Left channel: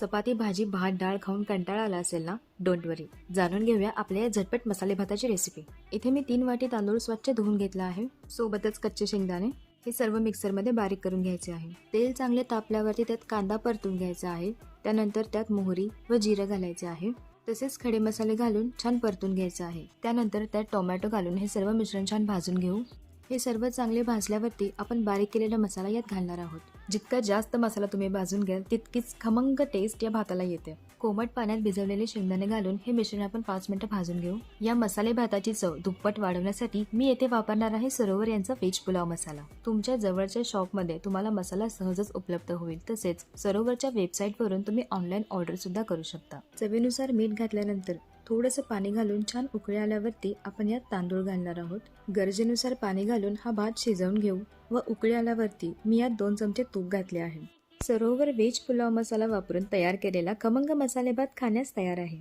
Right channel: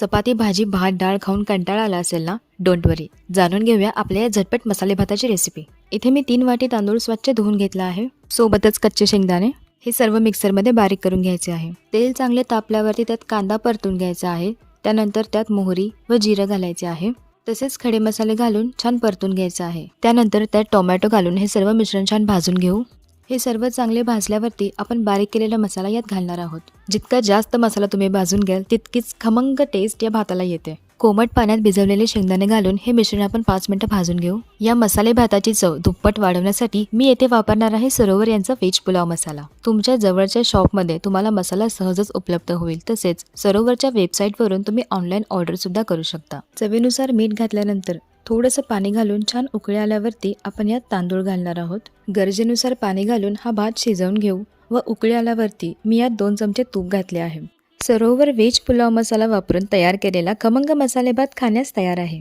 चपाती, भाजी, भात, डाळ खाऊन कंटाळा आला असेल ना? डोंट वरी. जाणून घेऊया आपल्या या झटपट मसाले भाताची रेसिपी. इथे मी 3 वाटी तांदूळ स्वच्छ धुवून घेतला आहे. सोबतच कच्चे शेंगदाणे. हे सर्व मिक्सरमध्ये बारीक करून घ्यायचे आहे. तेल चांगले तापल्यावरती त्यात कांदा परतून घ्यायचा आहे. त्यानंतर त्यात मोहरी व जिरं घालायचे आहे. तसेच खडे मसाले घालून छान परतून घ्यायचं आहे. त्यानंतर त्यात टोमॅटो घालून हे सर्व मिश्रण छान भाजून घेऊ. हे सर्व चांगले भाजल्यावरती आपण बारीक केलेला मसाला यात घालणार आहोत. जितका जास्त मसाला तुम्ही भाजून घ्याल तितकीच खमंग टेस्ट या भाताला येते. कोमट पाण्यात भिजवलेले शेंगदाणे घालून हे मिश्रण आपण 5 मिनिटं भाजून घेऊ. या मसाले भाताची चव दुप्पट वाढवण्यासाठी मी येथे वापरणार आहे सरोवर यांचा व्हेज पुलाव मसाला. तुमच्या जवळच्या शॉपमध्ये तुम्हाला मसाला सहजच उपलब्ध होईल. तसेच सरोवरच्या वेबसाईटवरून तुम्ही ऑनलाईन ऑर्डर सुद्धा करू शकता. चवीनुसार मीठ घातल्यानंतर थोडंसं पाणी घालून छान उकळी आल्यावरती आपण यात तांदूळ घालणार आहोत. गरजेनुसार पाणी घालून हा भात शिजवून घेऊ व उकळी आल्यावरती मी यात 2 चमचे तूप घातले आहे. सरोवर व्हेज पुलाव मसाला वापरून तयार केलेला खमंग मसाले भात खाण्यास तयार आहे.